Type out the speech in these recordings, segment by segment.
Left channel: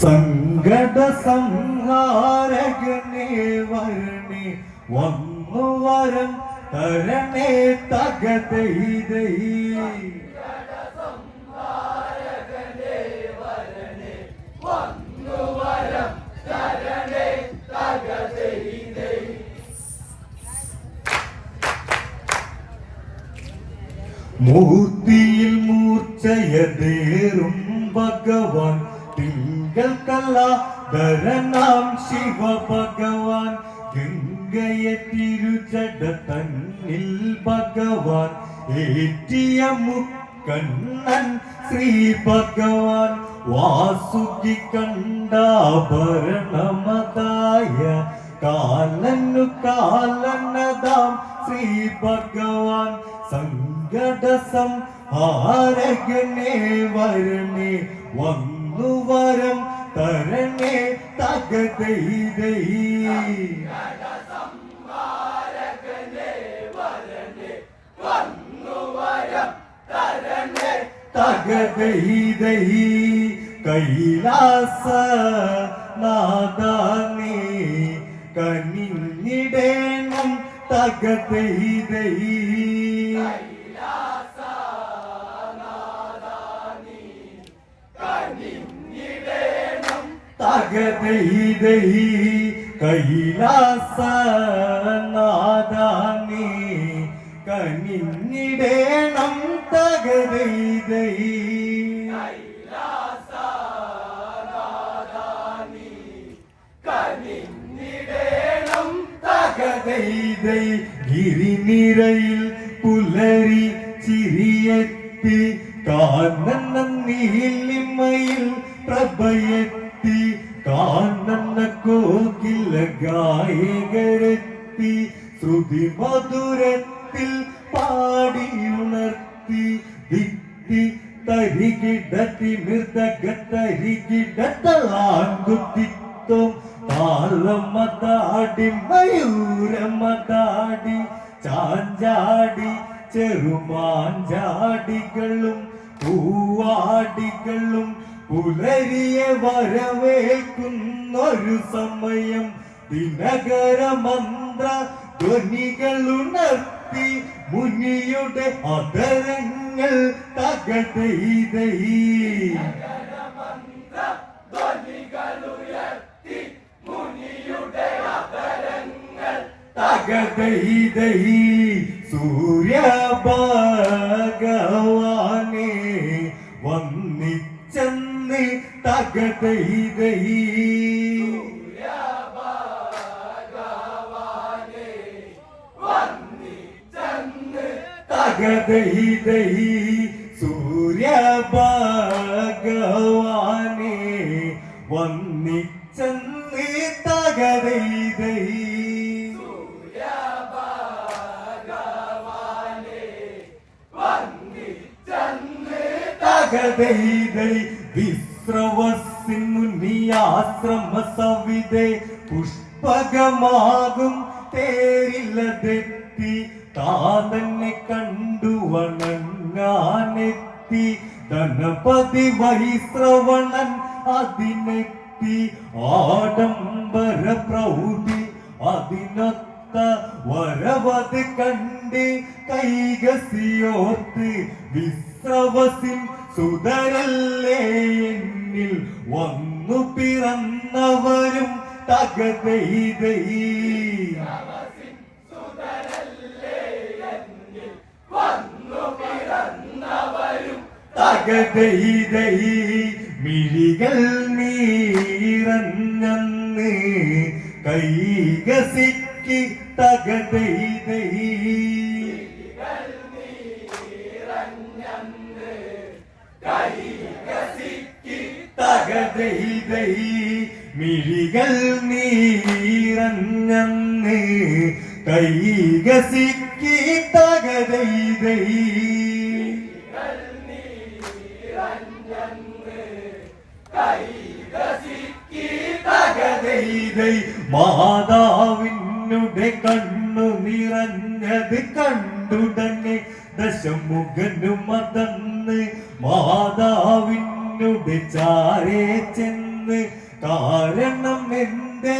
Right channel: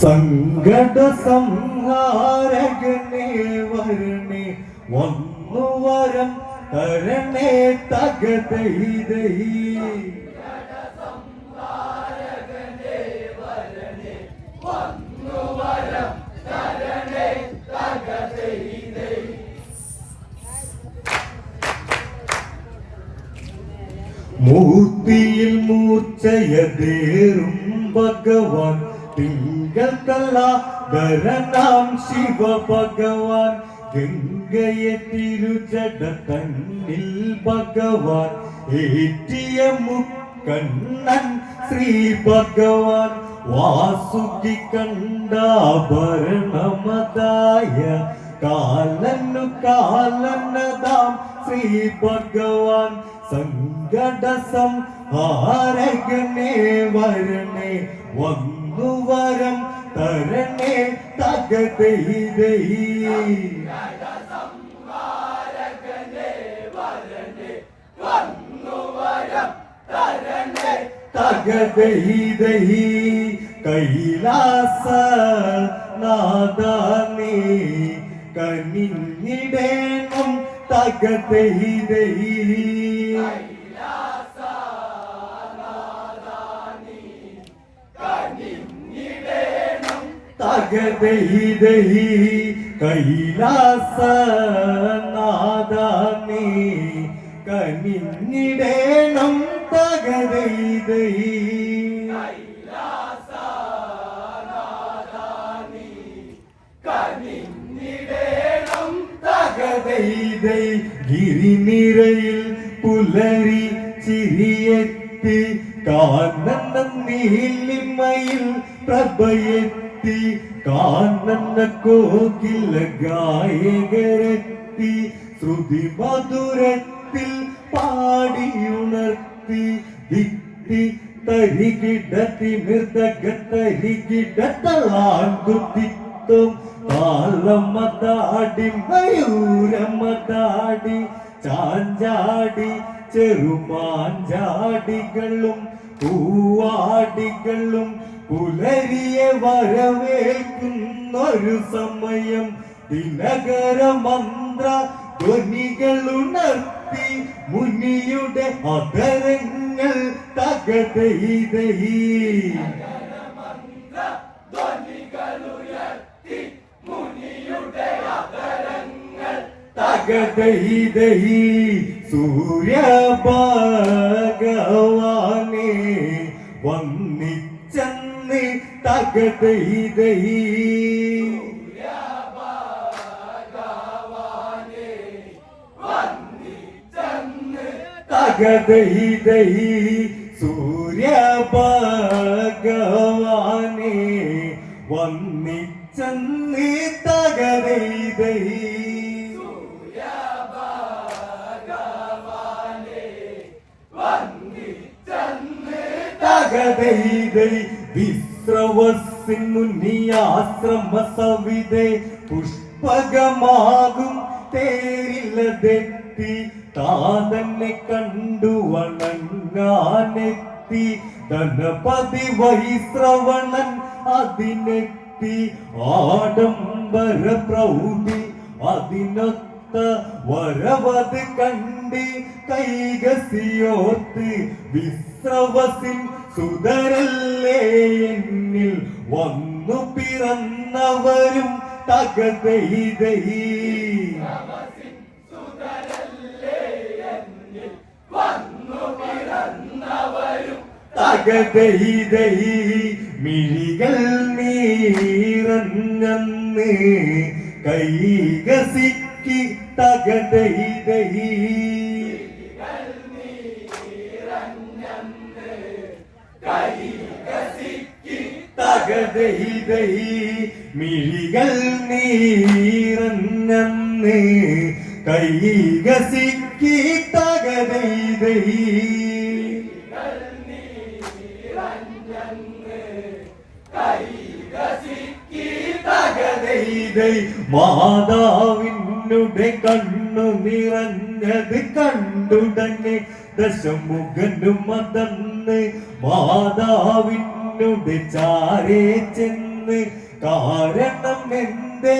സങ്കട സംഹാരകനെ വരണേ വന്നു വരം തരണേ തകതൈതൈ മൂർത്തിയിൽ മൂർച്ചയതേറും ഭഗവാൻ തിങ്കൾ കലാധരനാം ശിവ ഭഗവാൻ ഗംഗയെ തിരുജട തന്നിൽ ഭഗവാൻ ഏറ്റിയ മുക്കണ്ണൻ ശ്രീ ഭഗവാൻ വാസുകി കണ്ടാഭരണമതായ കാലനു കാലനദാം ശ്രീ ഭഗവാൻ സങ്കട സംഹാരകനെ വരണേ വന്നു വരം തരണേ തകതൈതൈ തകതൈതൈ കൈലാസ നാദാനേ കനിഞ്ഞിടേണം തകതൈതൈ തകതൈതൈ കൈലാസ നാദാനേ കനിഞ്ഞിടേണം തകതൈതൈ തകതൈതൈ ഗിരിനിരയിൽ പുലരി ചിരിയെത്തി കാനന നീലിമയിൽ പ്രഭയെത്തി കാനന കോകില ഗായകരെത്തി ശ്രുതി മധുരത്തിൽ പാടിയുണർത്തി ദിക്തി തരികിടത്തി മൃദഗത്തരികിടത്തലാങ്കുത്തിത്തും താളമതാടി മയൂരമതാടി ചാഞ്ചാടി ചെറുമാഞ്ചാടികളും പൂവാടികളും പുലരിയെ വരവേൽക്കുന്നൊരു സമയം ദിനകര മന്ത്ര ധ്വനികളുണർത്തി മുനിയുടെ അതരങ്ങൾ തകതൈതൈ തകതൈതൈ സൂര്യ ഭഗവാനെ വന്നിച്ചെന്ന് തകതൈതൈ തകതൈതൈ സൂര്യ ഭഗവാനെ വന്നിച്ചെന്ന് തകതൈതൈ തകതൈതൈ വിശ്രവസിന്നുനിയാശ്രമ സവിതേ പുഷ്പകമാകും തേരിലതെത്തി താതന്നെ കണ്ടു വണങ്ങാനെത്തി ഗണപതി വൈശ്രവണൻ അതിനെത്തി ആഡംബര പ്രൗഢി അതിനൊത്ത വരവത് കണ്ട് കൈകസിയോർത്ത് വിശ്രവസിൻ സുതരല്ലേ എന്നിൽ വന്നു പിറന്നവരും തകതൈതൈ തകതൈതൈ മിഴികൾ നീറഞ്ഞന്ന് കൈകസിക്ക് തകതൈതൈ തകതൈതൈ മിഴികൾ നീറഞ്ഞന്ന് കൈകസിക്ക് തകതൈതൈ തകതൈതൈ മാതാവിനുടെ കണ്ണു നിറഞ്ഞത് കണ്ടുടനെ ദശമുഖനും മതന്ന് മാതാവിനുടെ ചാരേ ചെന്ന് കാരണം എന്റെ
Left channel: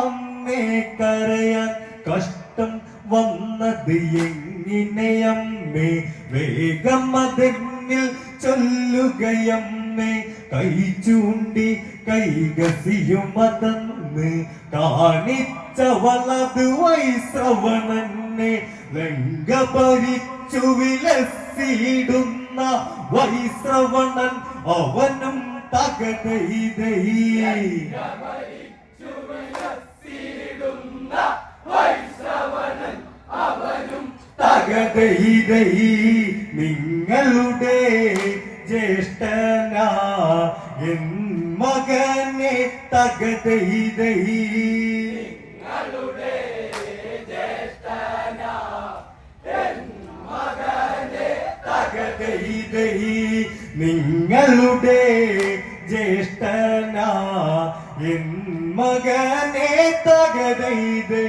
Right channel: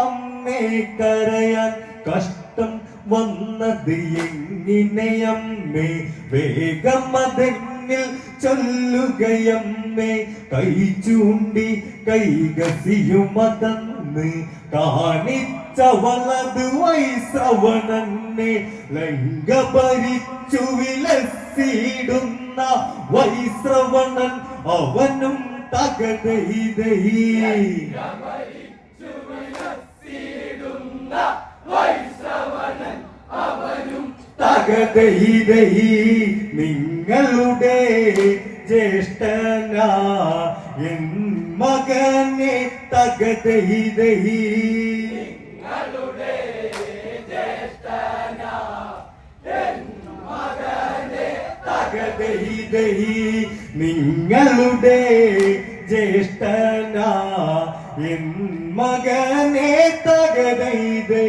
അമ്മേ കരയാൻ കഷ്ടം വന്നത് എങ്ങിനെയമ്മേ വേഗം അതെന്നിൽ ചൊല്ലുകയമ്മേ കൈ ചൂണ്ടി കൈകസിയുമതന്ന് കാണിച്ചവളത് വൈശ്രവണനെ ലങ്ക ഭരിച്ചു വിലസിടുന്ന വൈശ്രവണൻ അവനും തകതൈതൈ തകതൈതൈ നിങ്ങളുടെ ജ്യേഷ്ഠനാ എൻ മകനെ തകതൈതൈ നിങ്ങളുടെ ജ്യേഷ്ഠനാ എൻ മകനെ തകതൈതൈ നിങ്ങളുടെ ജ്യേഷ്ഠനാ എൻ മകനെ തകതൈതൈ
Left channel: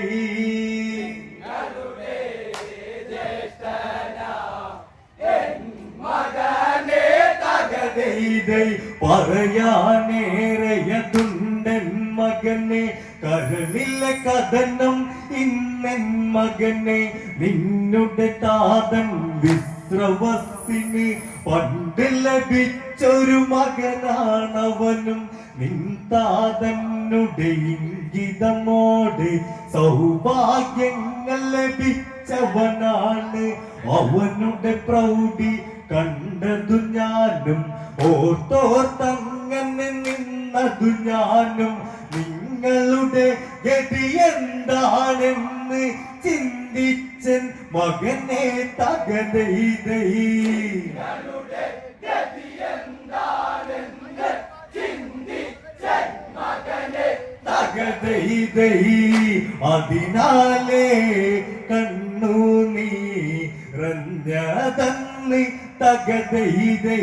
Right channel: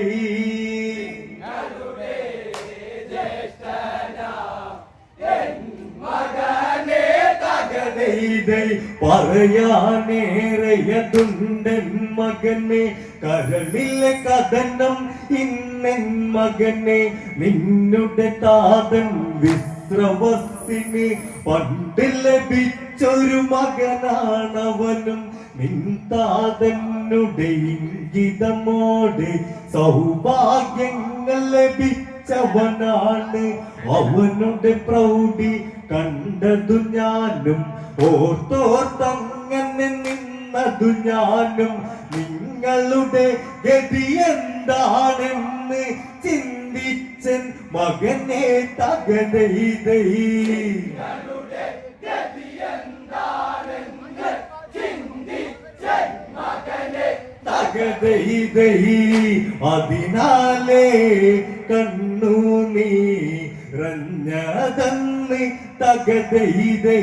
പറയാനേറെയതുണ്ടൻ മകനെ കരളിലെ കഥനം ഇന്നൻ മകനെ നിന്നുടെ താതൻ വിശ്രവസിന് പണ്ട് ലഭിച്ചൊരു മകനാണവനും നിൻ താതന്നുടെ ഇംഗിതമോടെ സൗഭാഗ്യങ്ങൾ ലഭിച്ചവനാണ് അവനുടെ പ്രൗഢി കണ്ടതു ഞാനും ഓർത്തോർത്തങ്ങനെ നിന്നതു ഞാനും നിങ്ങളുടെ ഗതി എന്താണെന്ന് ചിന്തിച്ചൻ മകനെ തകതൈതൈ തകതൈതൈ അതിനാലേ കണ്ണു നീറഞ്ഞതന്ന് തകതൈതൈ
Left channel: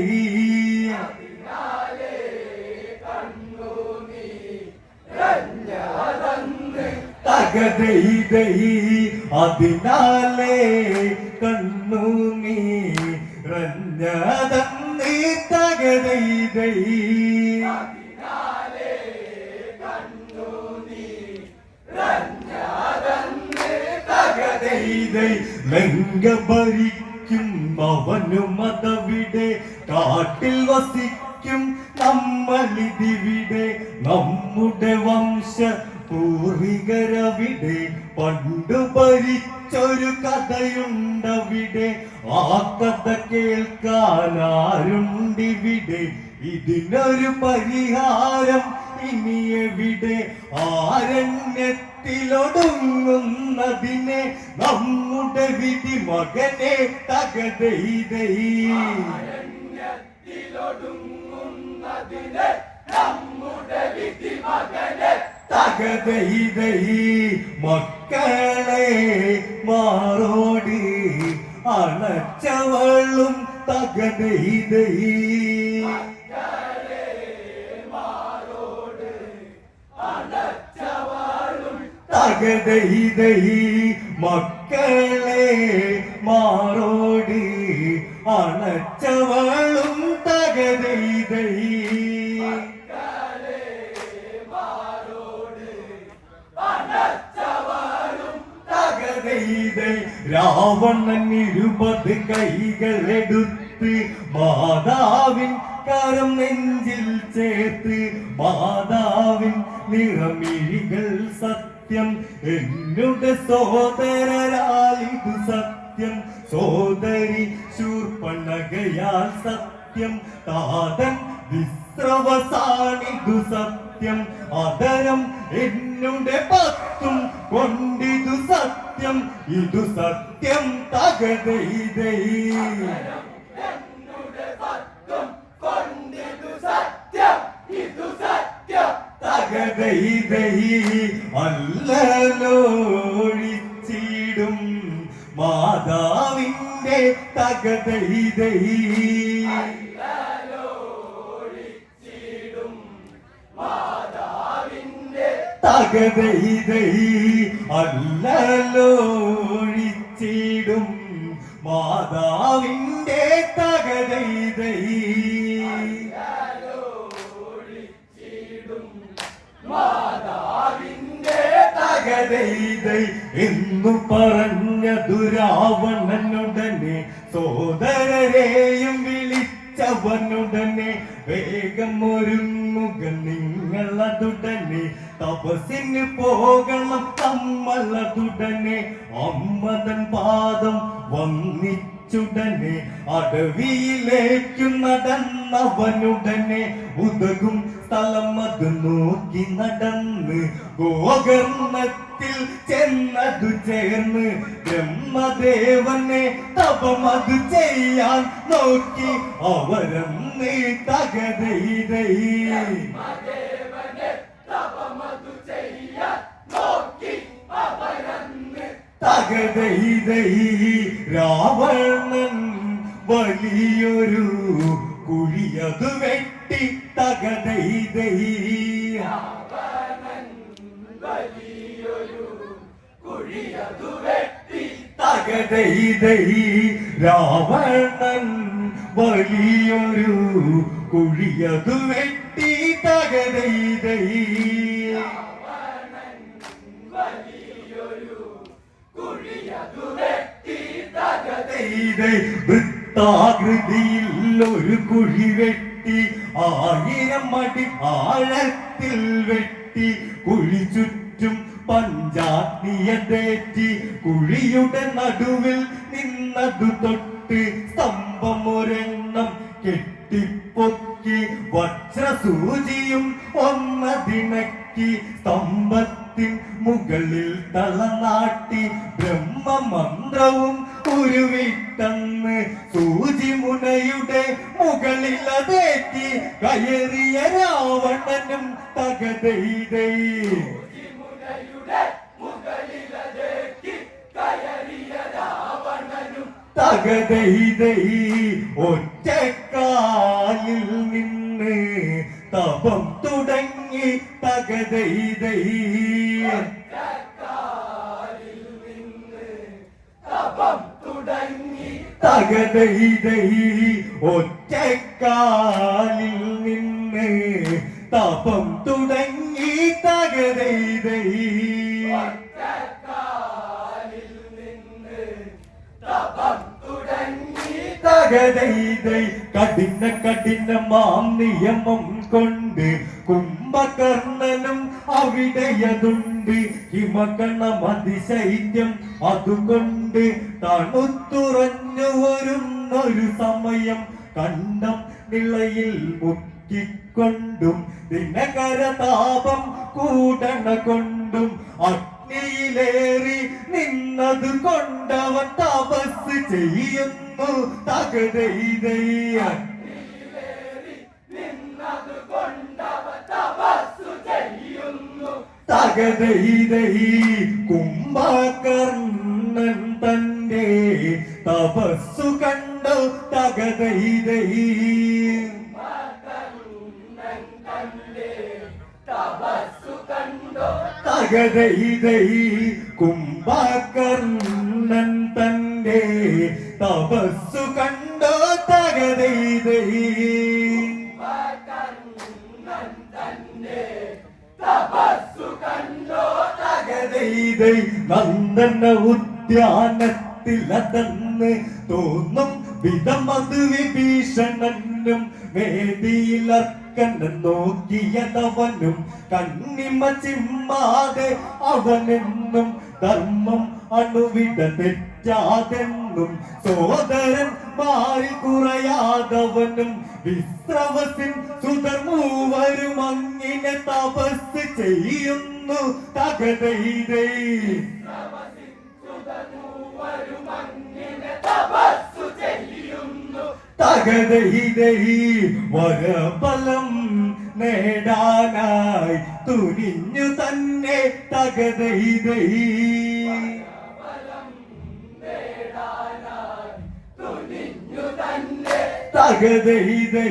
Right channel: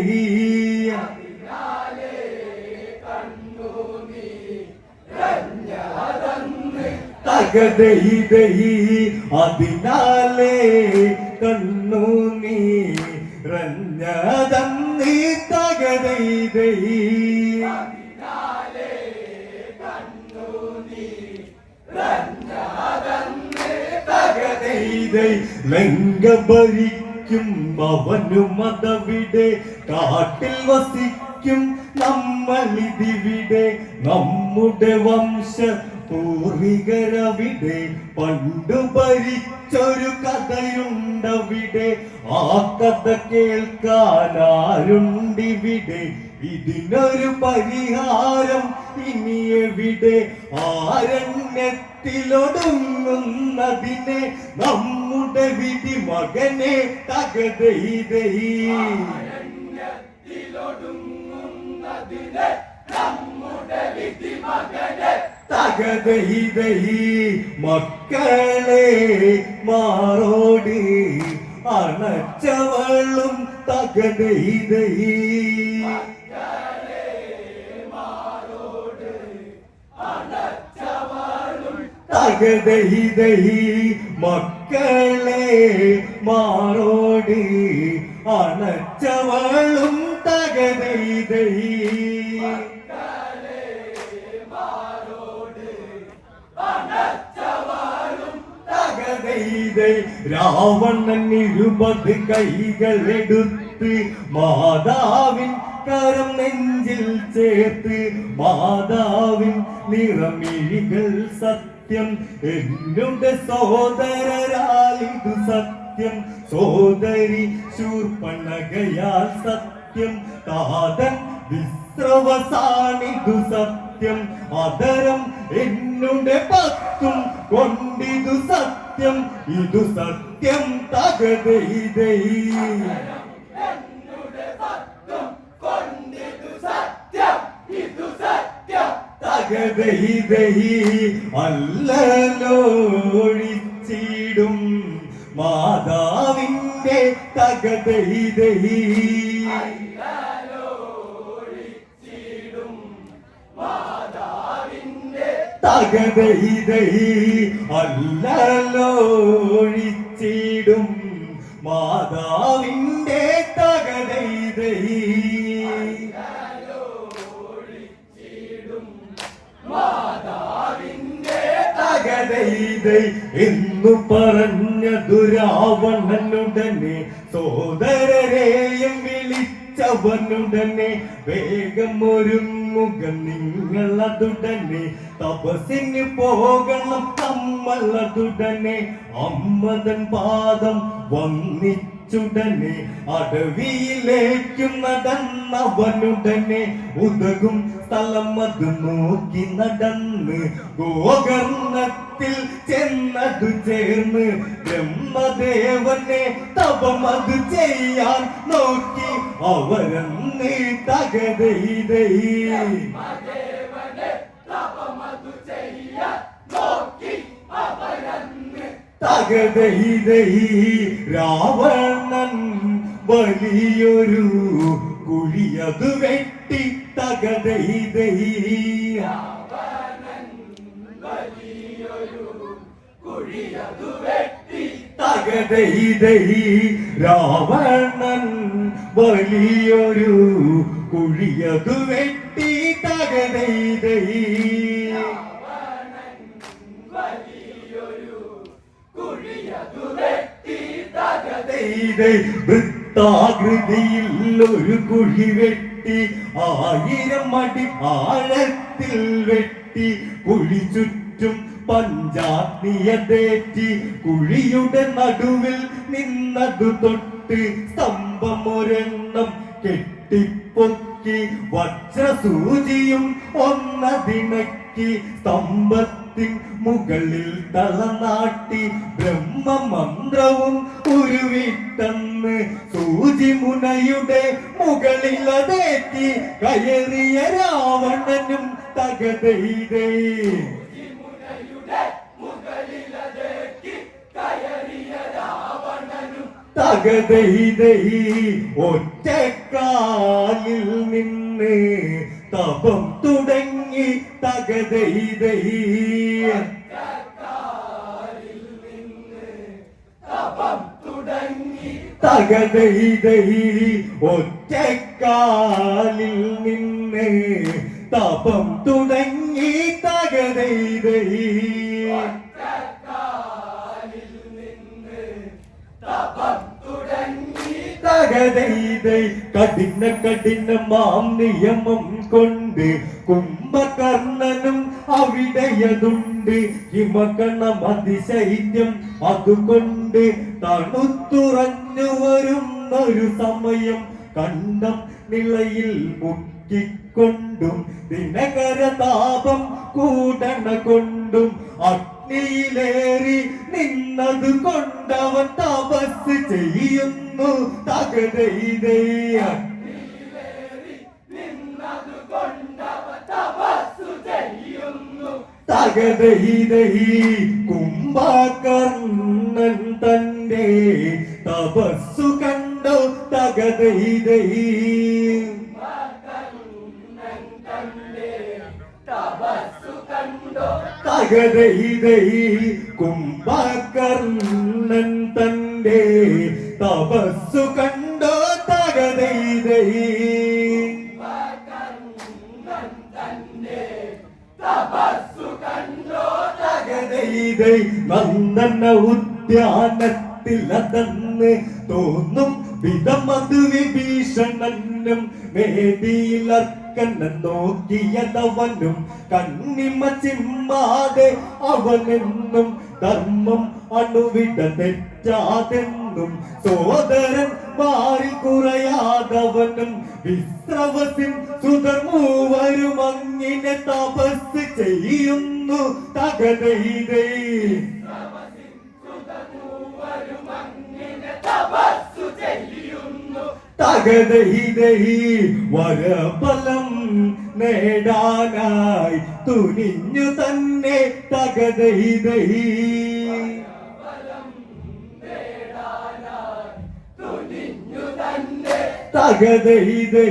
തകതൈതൈ അതിനാലേ കണ്ണു നീറഞ്ഞതന്ന് തകതൈതൈ ലങ്ക ഭരിക്കും അവനും അതവിടെ കാട്ടിൽ വസിക്കും നമ്മളിതിവിടെ നമ്മുടെ വംശ പൂർവികരവിടെ പണ്ടു ഭരിച്ചൊരു കഥയുണ്ടവിടെ ആ കഥ കേൾക്കാനാരുണ്ടിവിടെ ഇതിനൊരു പരിഹാരം ഇനി എവിടെ ആരണ്യത്തിലൊടുങ്ങുന്നതിനെ നമ്മുടെ വിധി മകനെ തകതൈതൈ തകതൈതൈ മക്കളെ മാറോട് അണച്ചവളും തകതൈതൈ തകതൈതൈ മക്കളെ മാറോട് അണച്ചവളും തകതൈതൈ തകതൈതൈ രാവണൻ 20 കൈകളെടുത്ത് മാതാവിൻ കരം നെഞ്ചിൽ ചേർത്ത് മാതാവിൻ നിറമിഴികൾ സത്യം എന്നുടെ സോദരരാലിതു സത്യം സോദരി ശൂർപ്പണകയാൽ സത്യം താതൻ വിശ്രവസാനിതു സത്യം അതരം എന്നുടെ പത്തും കൊണ്ടിതു സത്യം ഇതു സത്യം തകതൈതൈ തകതൈതൈ അല്ലലോഴിച്ചിടും മാതാവിന്റെ തകതൈതൈ തകതൈതൈ അല്ലലോഴിച്ചിടും മാതാവിന്റെ തകതൈതൈ തകതൈതൈ എന്നു പറഞ്ഞതു രാവണനുടനെ സോദരരെയും വിളിച്ചവനുടനെ വേഗം ഒരുങ്ങുക നിങ്ങളതുടനെ തപസ്സിന് പോകണം നമ്മളതുടനെ അമ്മതൻ പാദം വന്നിച്ചുടനെ അടവിയിലേക്കു നടന്നവനുടനെ ഉതകും സ്ഥലം അത് നോക്കി നടന്ന് ഗോകർണത്തിൽ ചെന്നതു ചേർന്ന് ബ്രഹ്മദേവനെ തപമത് ചെയ്യാൻ നോക്കി അവരന്ന് തകതൈതൈ തകതൈതൈ രാവണൻ വലിയൊരു കുഴിയതു വെട്ടി തകതൈതൈ തകതൈതൈ രാവണൻ വലിയൊരു കുഴിയതു വെട്ടി തകതൈതൈ വൃത്താകൃതിയിൽ ഒരു കുഴി വെട്ടി 1000 അടി ആഴത്തിൽ വെട്ടി കുഴി ചുറ്റും പഞ്ചാഗ്നിയതേറ്റി കുഴിയുടെ നടുവിൽ നിന്നതു തൊട്ട് സ്തംഭമൊരെണ്ണം കെട്ടിപ്പൊക്കി വജ്രസൂചിയും ഒന്നതിണക്കി സ്തംഭത്തിൻ മുകളിൽ തലനാട്ടി ബ്രഹ്മമന്ത്രവും ഉരുവിട്ടെന്ന് സൂചി മുനയുടെ മുകളിലതേറ്റി കയറിയ രാവണനും തകതൈതൈ തകതൈതൈ ഒറ്റക്കാലിൽ നിന്ന് തപം തുടങ്ങി തകതൈതൈ തകതൈതൈ ഒറ്റക്കാലിൽ നിന്ന് തപം തുടങ്ങി തകതൈതൈ തകതൈതൈ കഠിനമാം നിയമം കൊണ്ട് കുംഭകർണനും അവിടെയതുണ്ട് ഹിമകണം അതിശൈത്യം അതുകൊണ്ട് തണുത്തുറഞ്ഞു വരുന്നൊരു സമയം കണ്ടം നിളയിൽ മുക്കിക്കൊണ്ടും ദിനകരതാപം കൂടണ കൊണ്ടും അഗ്നിയിലേറി നിന്നത് കൊണ്ടവൻ തപസ് ചെയ്യുന്നു തകതൈതൈ തകതൈതൈ കുംഭകർണൻ തന്റെ തപസ്സു കണ്ടു തകതൈതൈ തകതൈതൈ കുംഭകർണൻ തന്റെ തപസ്സു കണ്ടു തകതൈതൈ തകതൈതൈ നന്ദന ഉദ്യാനത്തിലതെന്ന് തോന്നും വിധമത് വിഭീഷണനും വേദിയിലർക്കനെ നോക്കിയതവനും കണ്ണിമ ചിമ്മാതെ അവനെന്നും ധർമ്മം അണുവിട തെറ്റാതെന്നും സോദരൻ മാറി കുറയാതവനും വിശ്രവസിൻ സുതർ മൂവരും അങ്ങിനെ തപസ് ചെയ്യുന്നു തകതൈതൈ തകതൈതൈ വരഫലം നേടാനായി തുനിഞ്ഞു തന്നെ തകതൈതൈ തകതൈതൈ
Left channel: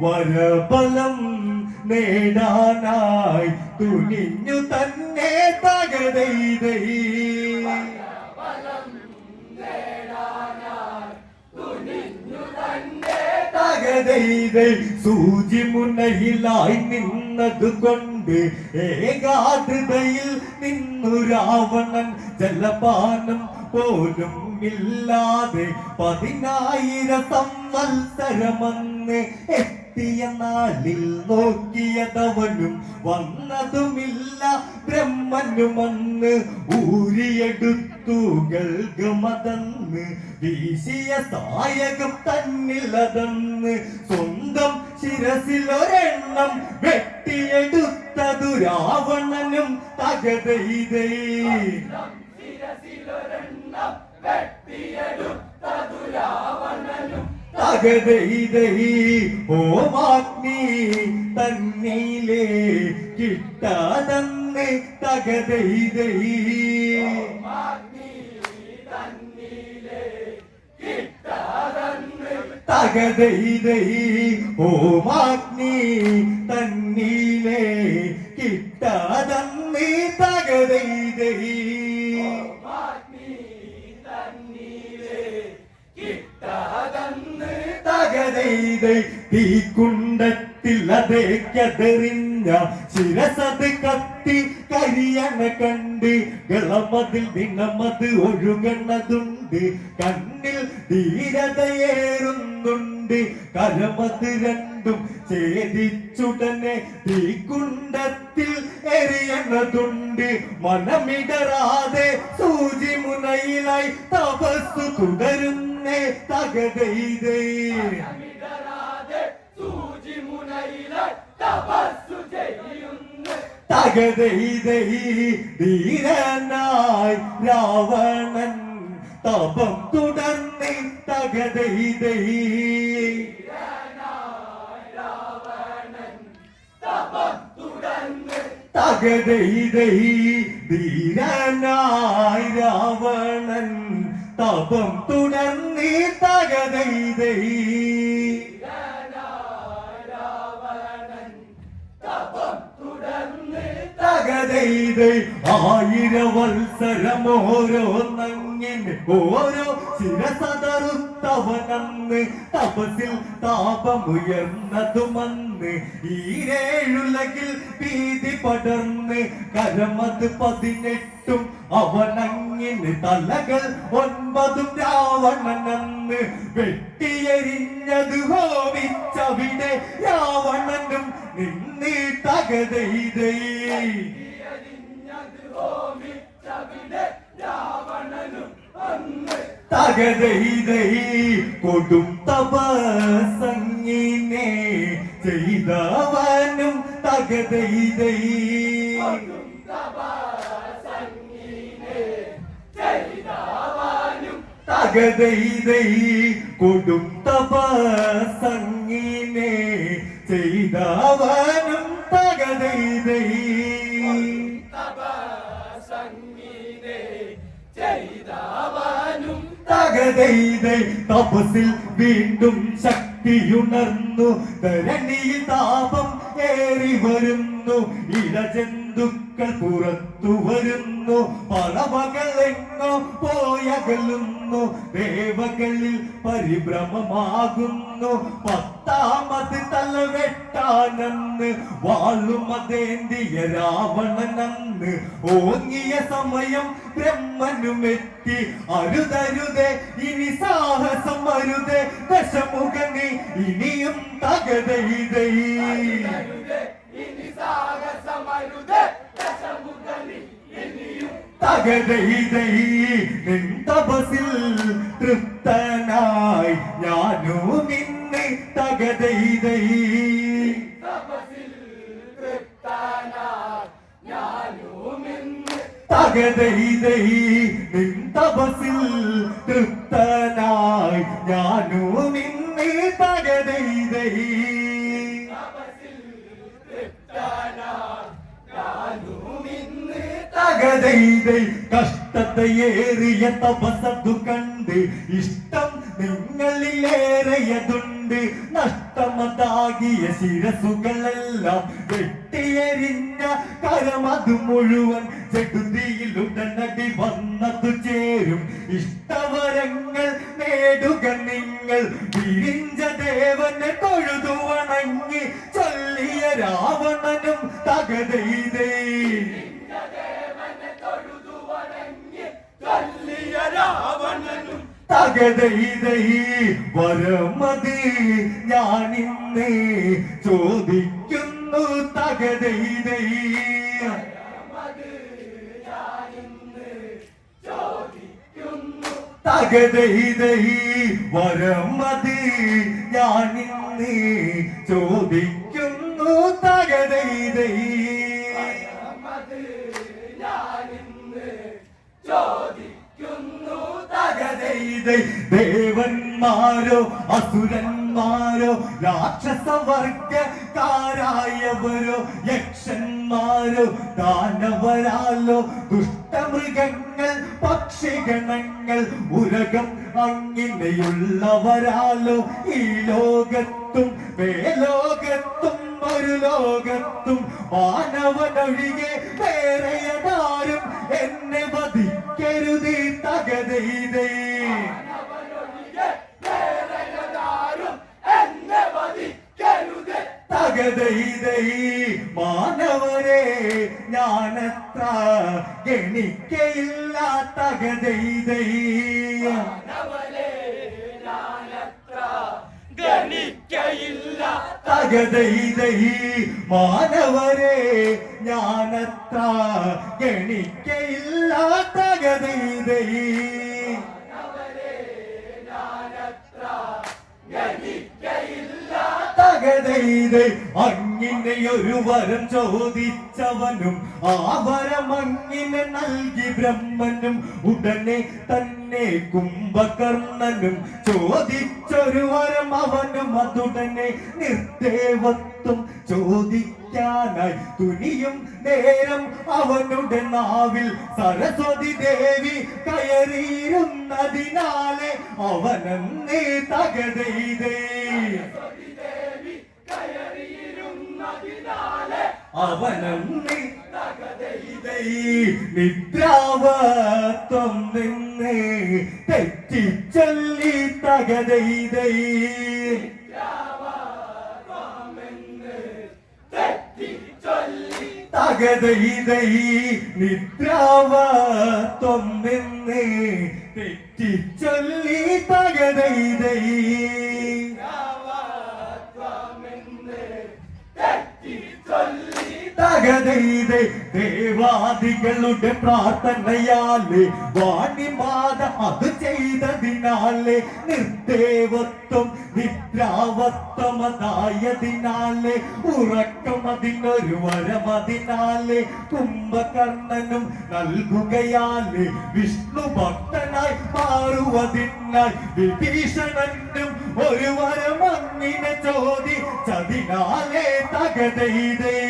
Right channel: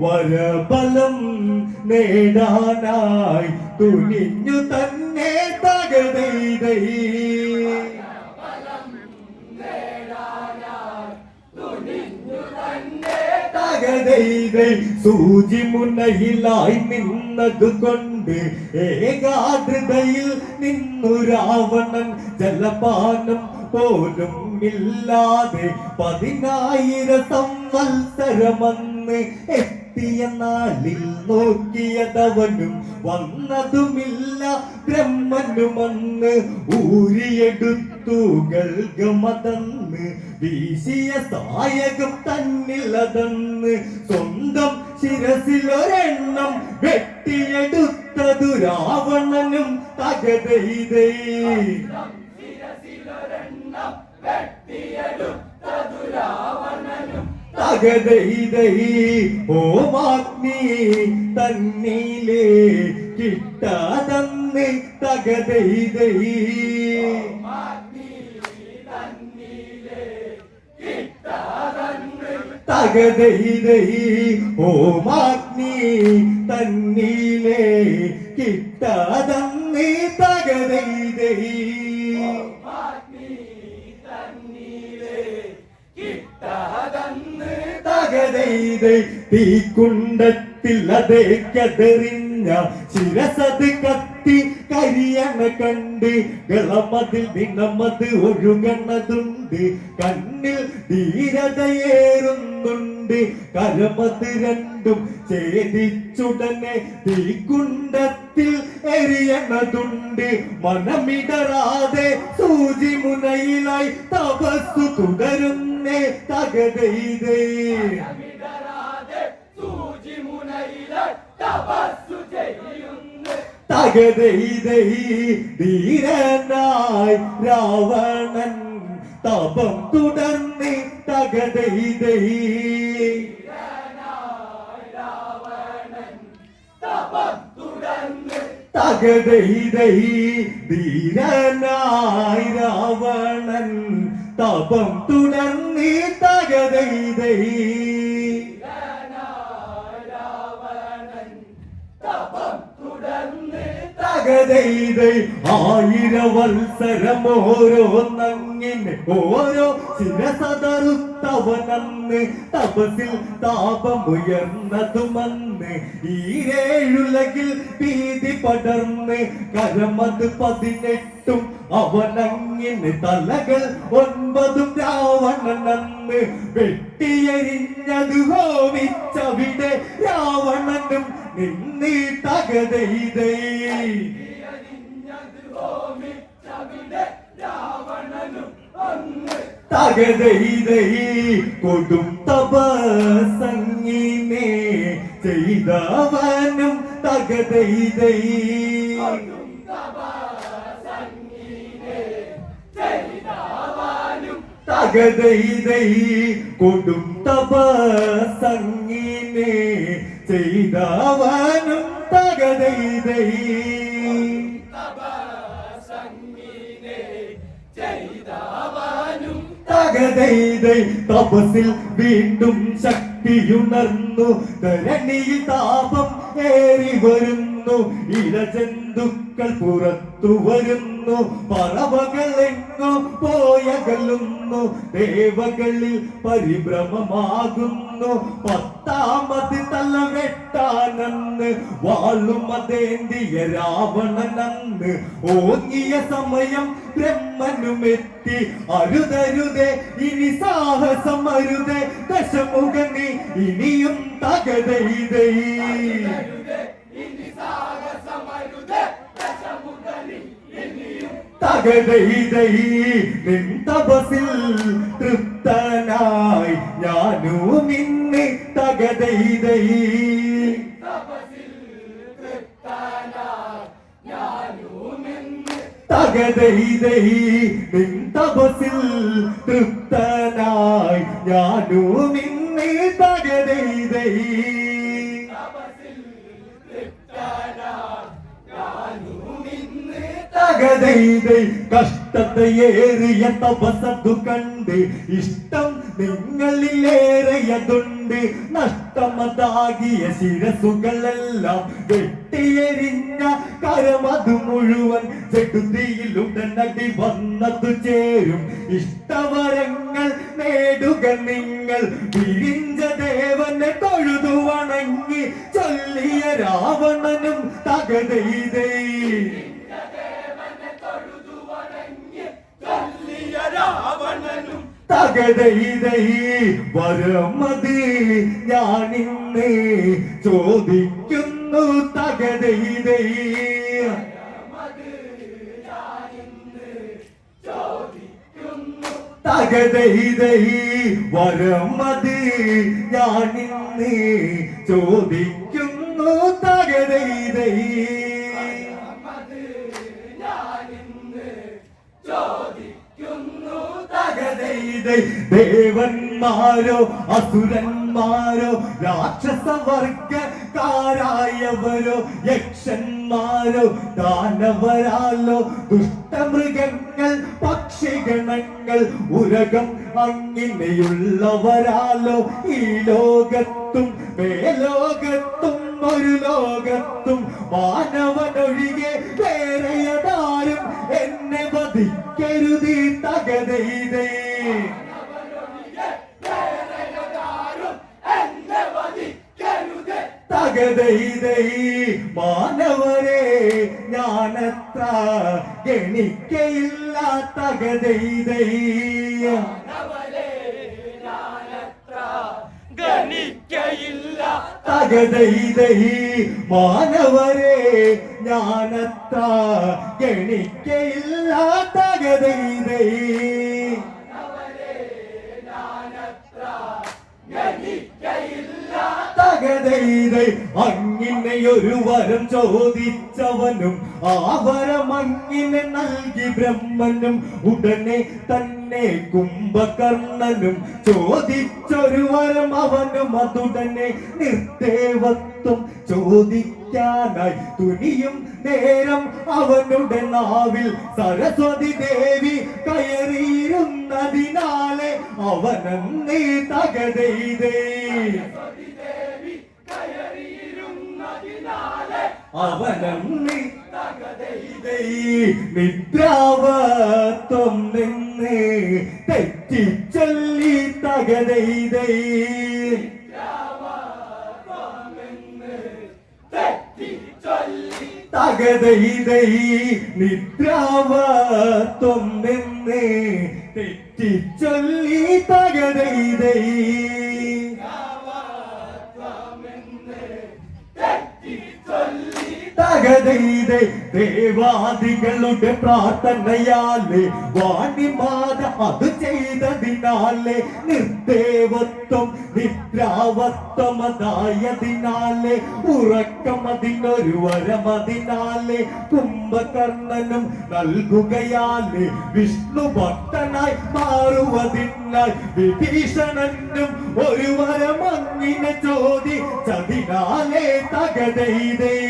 വരഫലം നേടാനായി തുനിഞ്ഞു തന്നെ തകതൈതൈ തകതൈതൈ സൂചി മുനയിലായി നിന്നതുകൊണ്ട് ഏകാഗ്രതയിൽ നിന്നു രാവണൻ ജലപാനം പോലും ഇല്ലാതെ 10,000 സംവത്സരമന്ന് എത്തിയ നാളിൽ നോക്കിയതവനും വന്നതുമില്ല ബ്രഹ്മനുമന്ന് ഊരിയെടുത്തു ഗൽഗമതന്ന് വീശിയ സായകം തന്നിലതന്ന് സ്വന്തം ശിരസിലൊരെണ്ണം വെട്ടിയെടുത്തതു രാവണനും തകതൈതൈ തകതൈതൈ ഓമാഗ്നി തന്നിലേ കിട്ടാതന്ന് തകതൈതൈ തകതൈതൈ ഓമാഗ്നി തന്നിലേ കിട്ടാതന്ന് തകതൈതൈ തകതൈതൈ തീക്കുണ്ടത്തിൽ അതേക്കതെറിഞ്ഞ ശിരസത് കത്തി കരിയണ കണ്ട് ഗളമതിൽ ദിനമത് ഒഴുകണതുണ്ട് കണ്ണിൽ ധീരതയേറുന്നുണ്ട് കരമത് രണ്ടും ഛേദിച്ചുടനെ തീക്കുണ്ടത്തിൽ എറിയണതുണ്ട് മനമിടറാതെ സൂചി മുനയിലായി തപസ്സു തുടരുന്നേ തകതൈതൈ തകതൈതൈ ധീരനായി രാവണൻ തപം തുടർന്ന് തകതൈതൈ തകതൈതൈ ധീരനായി രാവണൻ തപം തുടർന്ന് തകതൈതൈ തകതൈതൈ 1000 വത്സരമോരോന്നങ്ങിനെ ഓരോ ശിരസതറുത്തവനന്ന് തപസിൽ താപമുയർന്നതുമന്ന് ഈരേഴുലകിൽ ഭീതി പടർന്ന് കരമത് 18 അവനങ്ങിന് തലകൾ 9 രാവണനന്ന് വെട്ടിയെരിഞ്ഞത് ഹോമിച്ചവിടെ രാവണനും നിന്നീ തകതൈതൈ തകതൈതൈ കൊടും തപസങ്ങിനെ ചെയ്തവനും തകതൈതൈ തകതൈതൈ കൊടും തപസങ്ങിനെ ചെയ്തവനും തകതൈതൈ തകതൈതൈ തപസിൽ വീണ്ടും ശക്തിയുണർന്നു ധരണിയിൽ താപം ഏറി വരുന്നു ഇഴജന്തുക്കൾ പുറത്തു വരുന്നു പറവകൾ എങ്ങോ പോയകലുന്നു ദേവകളിൽ പരിഭ്രമമാകുന്നു 10ാമത് തലവെട്ടാനന്ന് വാളുമതേന്തിയ രാവണനന്ന് ഓങ്ങിയ സമയം ബ്രഹ്മനുമെത്തി അരുതരുതേ ഇനി സാഹസം അരുതേ ദശമുഖനി ഇനിയും തകതൈതൈ തകതൈതൈ നിൻ തപസിൽ തൃപ്തനായി ഞാനും ഇന്ന് തകതൈതൈ തകതൈതൈ നിൻ തപസിൽ തൃപ്തനായി ഞാനും ഇന്ന് തകതൈതൈ തകതൈതൈ കഷ്ടതയേറിയ തപസതു കണ്ട് ഇഷ്ടം നിങ്ങളിലേറെയതുണ്ട് നഷ്ടമതാകിയ ശിരസുകളെല്ലാം വെട്ടിയെരിഞ്ഞ കരമതു മുഴുവൻ ചെടുതിയിലുടനടി വന്നതു ചേരും ഇഷ്ടവരങ്ങൾ നേടുക നിങ്ങൾ വിരിഞ്ച ദേവനെ രാവണനും തകതൈതൈ രാവണനും തകതൈതൈ വരമത് ഞാനിന്ന് ചോദിക്കുന്നു തകതൈതൈ തകതൈതൈ വരമത് ഞാനിന്ന് ചോദിക്കുന്നു തകതൈതൈ തകതൈതൈ ദേവന്മാരോ അസുരന്മാരോ രാക്ഷസവർഗക്കാരായവരോ യക്ഷന്മാരോ ദാനവരാലോ ദുഷ്ടമൃഗങ്ങൾ പക്ഷിഗണങ്ങൾ ഉരകം അങ്ങിനെയുള്ളവരാലോ ഈ ലോകത്തും മേലോകത്തും ഒരു ലോകത്തും മാനവനൊഴികെ വേറെയതാരും എന്നെ വധിക്കരുത് തകതൈതൈ തകതൈതൈ മാനവരെ ഞാനത്ര ഗണിക്കയില്ല തകതൈതൈ ഗണിക്കയില്ല തകതൈതൈ മാനവരെ ഞാനത്ര ഗണിക്കയില്ല തകതൈതൈ തകതൈതൈ അങ്ങിനെയൊരു വരം ചോദിച്ചവനും ആ വരം അങ്ങിനെ നൽകി ബ്രഹ്മനും ഉടനെ തന്നെ കുംഭകർണനും ചോദിച്ചൊരു വരം അവനും അതുടനെ നിർദേവത്വം ചോദിക്കാനായി തുനിയും നേരം അവനുടെ നാവിൽ സരസ്വതി ദേവി കയറിയിരുന്നതിനാലെ അവനന്നേ തകതൈതൈ അവനന്നേ തകതൈതൈ നിദ്രാവത്വം നിന്ന് തെറ്റിച്ചൊല്ലി തകതൈതൈ തകതൈതൈ നിദ്രാവത്വം നിന്ന് തെറ്റിച്ചൊല്ലി തകതൈതൈ തകതൈതൈ ദേവാദികളുടെ പ്രാർത്ഥനയാലെ വാണിമാത അത് ചെയ്തതിനാലെ നിർദേവത്വം നിദ്രാവത്വമതായതിനാലെ ഉറക്കം അതിനൊരു വരമതിനാലെ കുംഭകർണനും നൽകുകയാലെ വിഷ്ണു ഭക്തനായി മാറുവതിനാൽ വിഭീഷണനും ഒരു വരം അങ്ങിനെ ചോദിച്ചതിനാലെ തകതൈതൈ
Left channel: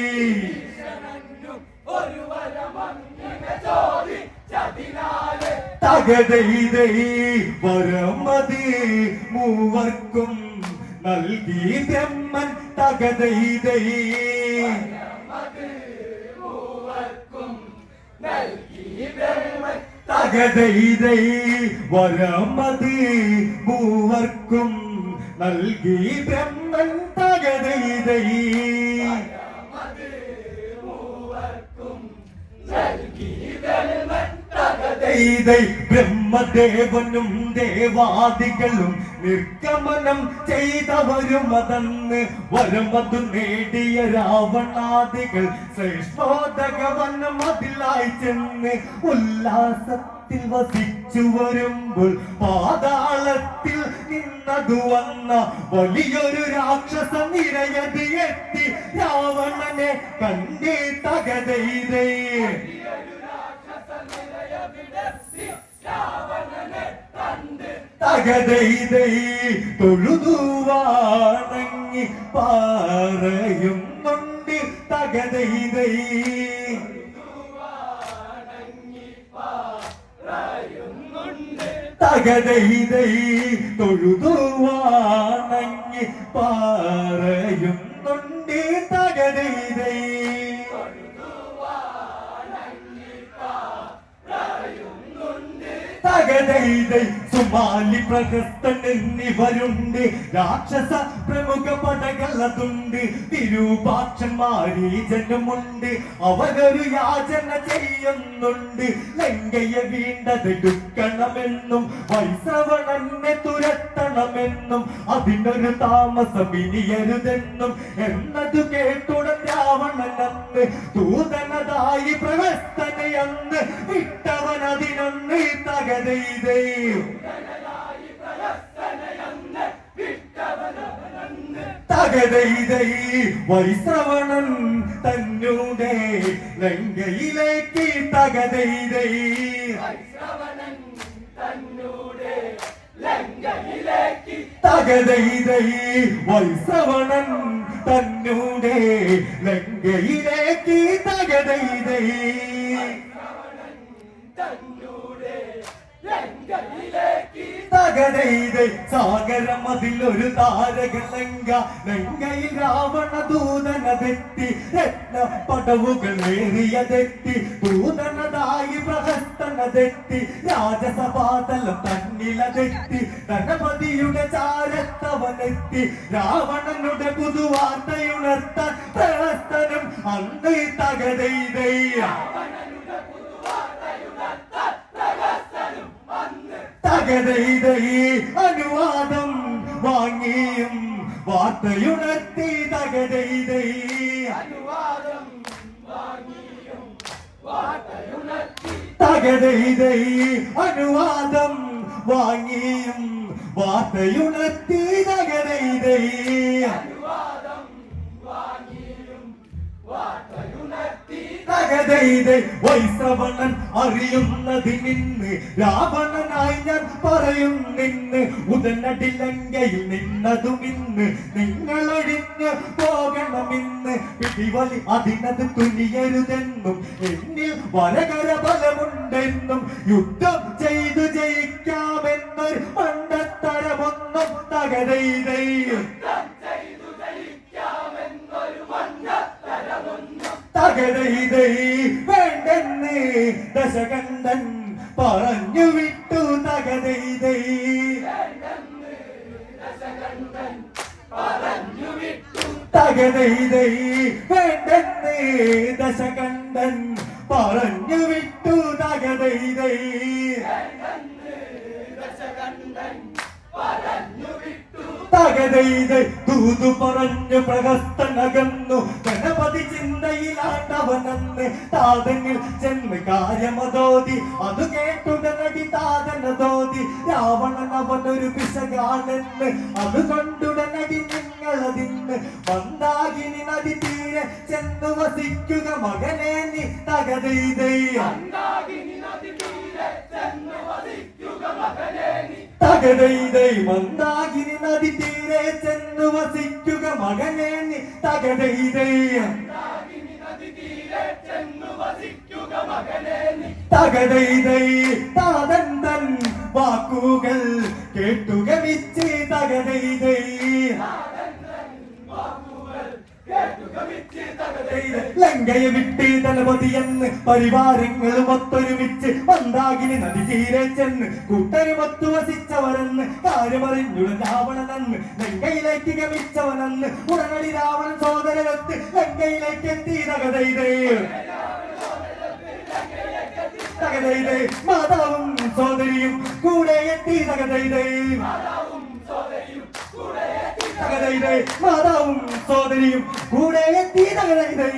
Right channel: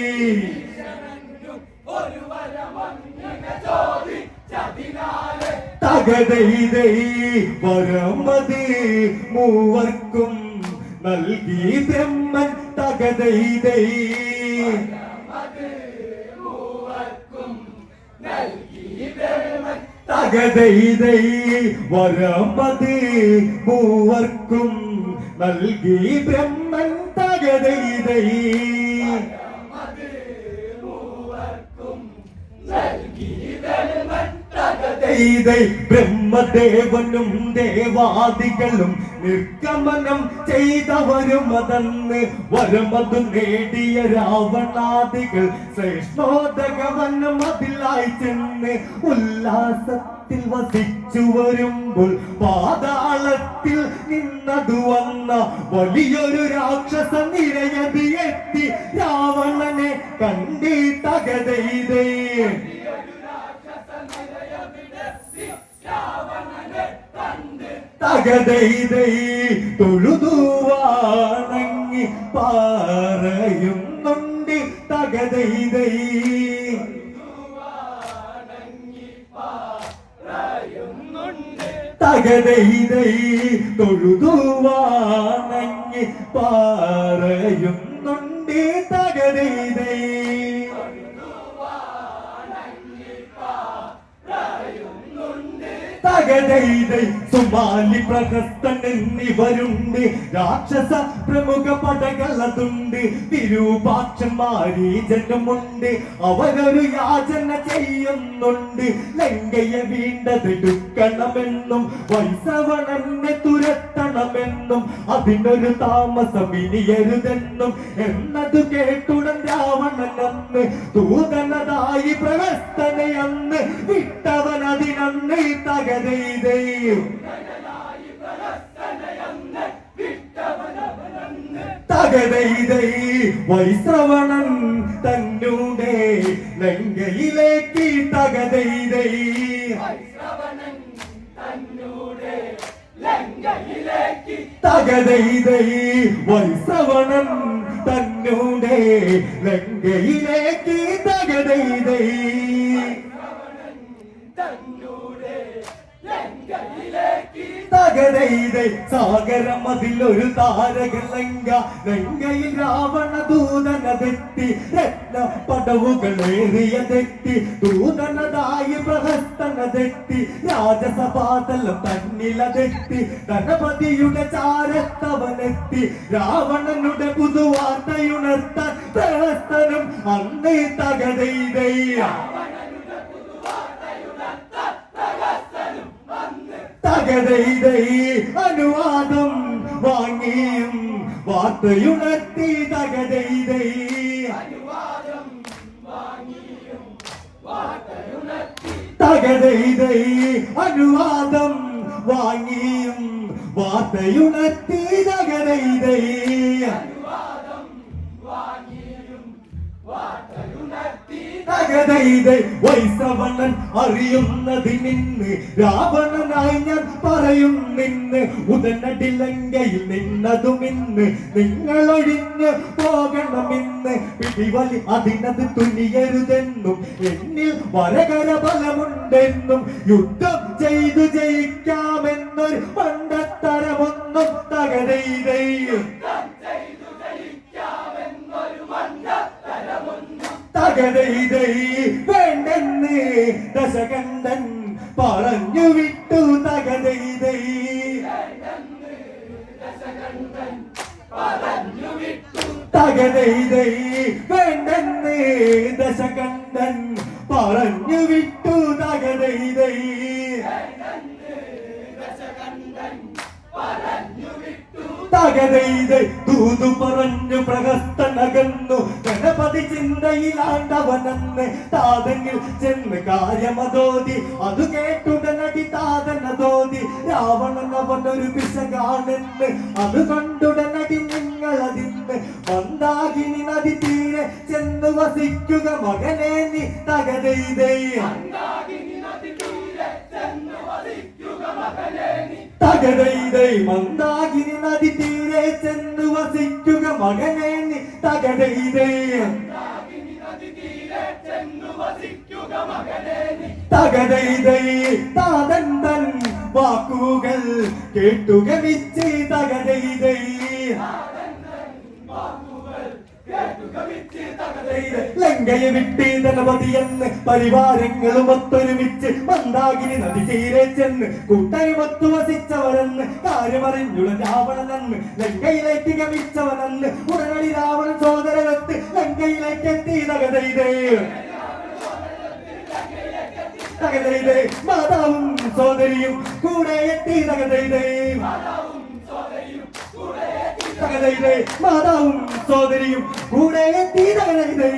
തകതൈതൈ വരമത് മൂവർക്കും നൽകി ബ്രഹ്മൻ തകതൈതൈ തകതൈതൈ വരമത് മൂവർക്കും നൽകി ബ്രഹ്മൻ തകതൈതൈ തകതൈതൈ ബ്രഹ്മദേവനും ദേവാദികളും നിർഗമനം ചെയ്തവരും അതന്ന് വരമതു നേടിയ രാവണാദികൾ ശ്രേഷ്ഠോദകവനം അതിലായി ചെന്ന് ഉല്ലാസത്തിൽ വസിച്ചു വരുമ്പോൾ പാതാളത്തിൽ നിന്നതു വന്ന വലിയൊരു രാക്ഷസ നിരയതി എത്തി രാവണനെ കണ്ടി തകതൈതൈ തകതൈതൈ തൊഴുതു വണങ്ങി പറയുന്നുണ്ട് തകതൈതൈ തകതൈതൈ തൊഴുതു വണങ്ങി പറയുന്നുണ്ട് തകതൈതൈ തകതൈതൈ സുമാലി പ്രഹസ്തൻ എന്നിവരുണ്ട് രാക്ഷസ പ്രമുഖ പടകളതുണ്ട്, വിരൂപാക്ഷന്മാരീജനുമുണ്ട്. അവരൊരു യാചന ചെയ്യുന്നുണ്ട്, ലങ്കയെ വീണ്ടതെടുക്കണമെന്നും വൈശ്രവണനെ തുരത്തണമെന്നും അതിനൊരു താമസം ഇനിയരുതെന്നും. എന്നതു കേട്ടുടൻ രാവണൻ അന്ന് ദൂതനതായി പ്രവസ്തനയന്ന് വിട്ടവനതിനന്ന് തകതീതേ. തകതൈതൈ വൈശ്രവണൻ തന്നൂടെ ലങ്കയിലേക്ക് തകതൈതൈ. തകതൈതൈ വൈശ്രവണൻ തന്നൂടെ ലങ്കയിലേക്ക് തകതൈതൈ. തകതൈതൈ സാഗരം അതിലൊരു താരകലങ്ക. ലങ്കയിൽ രാവണ ദൂതനതെത്തി, രത്ന പടവുകളേറിയതെത്തി. ദൂതനതായി പ്രഹസ്തനതെത്തി, രാജസഭാതലം തന്നിലതെത്തി. ധനപതിയുടെ ചാരത്തവനെത്തി, രാവണനുടെ പുതുവാർത്തയുണർത്താൻ പ്രഹസ്തനും അന്ന് തകതൈതൈ. തകതൈതൈ അനുവാദം വാങ്ങിയും വാർത്തയുണർത്തി. തകതൈതൈ തകതൈതൈ അനുവാദം വാങ്ങിയും വാർത്തയുണർത്തി. തകതൈതൈ തകതൈതൈ വൈശ്രവണൻ അറിയുന്നതിനിന്ന് രാവണനായി ഞാൻ പറയുന്നിന്ന്. ഉടനടി ലങ്കയിൽ നിന്നതുമിന്ന് നിങ്ങളൊഴിഞ്ഞ് പോകണമെന്ന്. പിടിവലി അതിനത് തുനിയരുതെന്നും എന്നിൽ വരകര ബലമുണ്ടെന്നും യുദ്ധം ചെയ്തു ജയിക്കാമെന്നൊരു മണ്ടത്തരമൊന്നും തകതൈതൈ. തകതൈതൈ വേണ്ടെന്ന് ദശകണ്ഠൻ പറഞ്ഞു വിട്ടു. തകതൈതൈ തകതൈതൈ വേണ്ടെന്ന് ദശകണ്ഠൻ പറഞ്ഞു വിട്ടു. തകതൈതൈ തകതൈതൈ ദൂതു പറഞ്ഞു പ്രഹസ്തനകന്നു. ഗണപതി ചിന്തയിലാണ്ടവനന്ന് താതങ്ങിൽ ചെന്ന് കാര്യമതോതി. അത് കേട്ടുടനടി താതനതോതി, രാവണൻ അവനൊരു പിശകാണെന്ന്. അത് കണ്ടുടനടി നിങ്ങളതിന്ന് മന്ദാകിനി നദി തീരെ ചെന്നു വസിക്കുക മകനെ നീ. തകതൈതൈ തകതൈതൈ മന്ദാകിനി നദി തീരെ ചെന്നു വസിക്കുക മകനെ നീ. തകതൈതൈ തകതൈതൈ താതൻ തൻ വാക്കുകൾ കേട്ടുക വിച്ച്. തകതൈതൈ ലങ്കയെ വിട്ട് ധനപതിയെന്ന് പരിവാരങ്ങളും ഒത്തൊരുമിച്ച് മന്ദാകിനി നദി തീരെ ചെന്ന് കൂട്ടരുമൊത്തു വസിച്ചവരെന്ന് കാര്യമറിഞ്ഞുട രാവണനെന്ന് ലങ്കയിലേക്ക് ഗമിച്ചവനെന്ന്. ഉടനടി രാവണൻ സോദരനൊത്ത് ലങ്കയിലേക്ക് എത്തി. തകതൈതൈ തകതൈതൈ മാതാവും സോദരിയും കൂടെ എത്തി. തകതൈതൈ തകതൈതൈ മാതാവും സോദരിയും കൂടെ എത്തി. തകതൈതൈ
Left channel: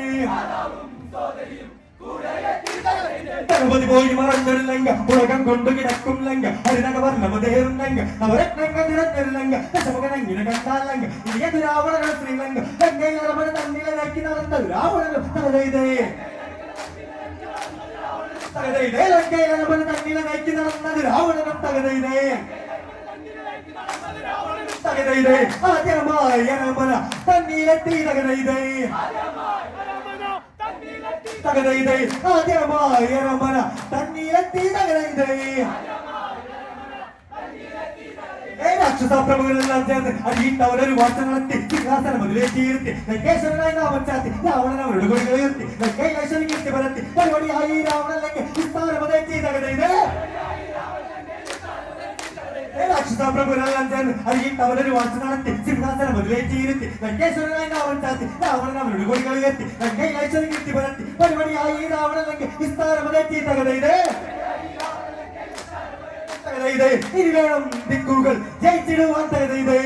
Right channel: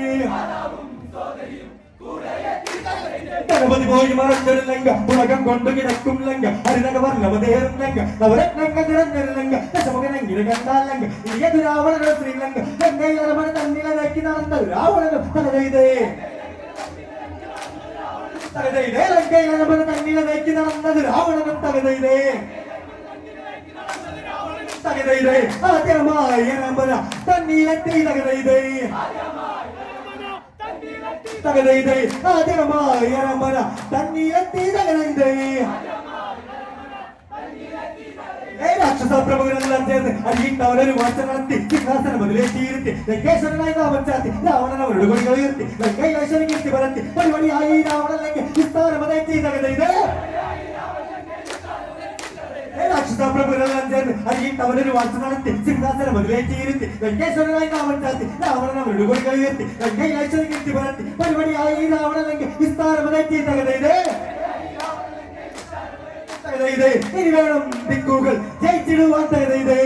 ഗണപതി പോയി മറഞ്ഞൊരു ലങ്ക, ഉലകം കൊണ്ടു കിടക്കും ലങ്ക, ഹരിനക വർണ്ണവതേറും ലങ്ക, നവരത്നങ്ങൾ നിറഞ്ഞൊരു ലങ്ക, ദശമുഖനെങ്ങനെ കണ്ടാൽ ലങ്ക, ഇനിയതു രാവണനോ ശ്രീലങ്ക. ലങ്കയിൽ രമണ തന്നിലക്കി നടന്ന രാവണനും. തകതൈതൈ തകതൈതൈ ലങ്കയിൽ രമണ തന്നിലക്കി നടന്നത് രാവണനും. തകതൈതൈ തകതൈതൈ ആദ്യമായി രമണ തന്നിലെത്തി. തകതൈതൈ തകതൈതൈ ആദ്യമായി രമണ തന്നിലെത്തി. തകതൈതൈ രാക്ഷസ പ്രമുഖരെല്ലാം ചേർന്ന് അരിയുണ്ടവരൊരു വാർത്ത നടത്തി സിംഹാസനം അതിലേക്ക് ഇരുത്തി. ലങ്കേശ്വരനായി നാമം ചാത്തി രാവണൻ അവരുടെ കൊടികൾ ഉയർത്തി. ലങ്കയിലേശ്വരൻ കീർത്തി പരത്തി പരിപാടിയായി രാവണൻ ലങ്ക വിസ്താരമതേറ്റി. തകതൈതൈ രാക്ഷസ കൃഷ്ണപ്രഭുരെല്ലാം ചേർന്ന് അറിയിട്ട് അവരൊരു വാർത്ത നടത്തി സിംഹാസനം മുതലേറ്റിയിരുത്തി വെങ്കേശ്വരനായി രാവൺ ചാത്തി രാവണൻ അവരുടെ കൊടികൾ ഉയർത്തി വെങ്കയ്യച്ചത് കിട്ടി പരത്തി പരിപാടിയായി രാവണല്ലെങ്കിൽ വിസ്താരമതെത്തിയ തകതയിതേ ഇനി വേണം ദിക്കുകൾ ജയിച്ചിടുവാൻ തകതയിതേ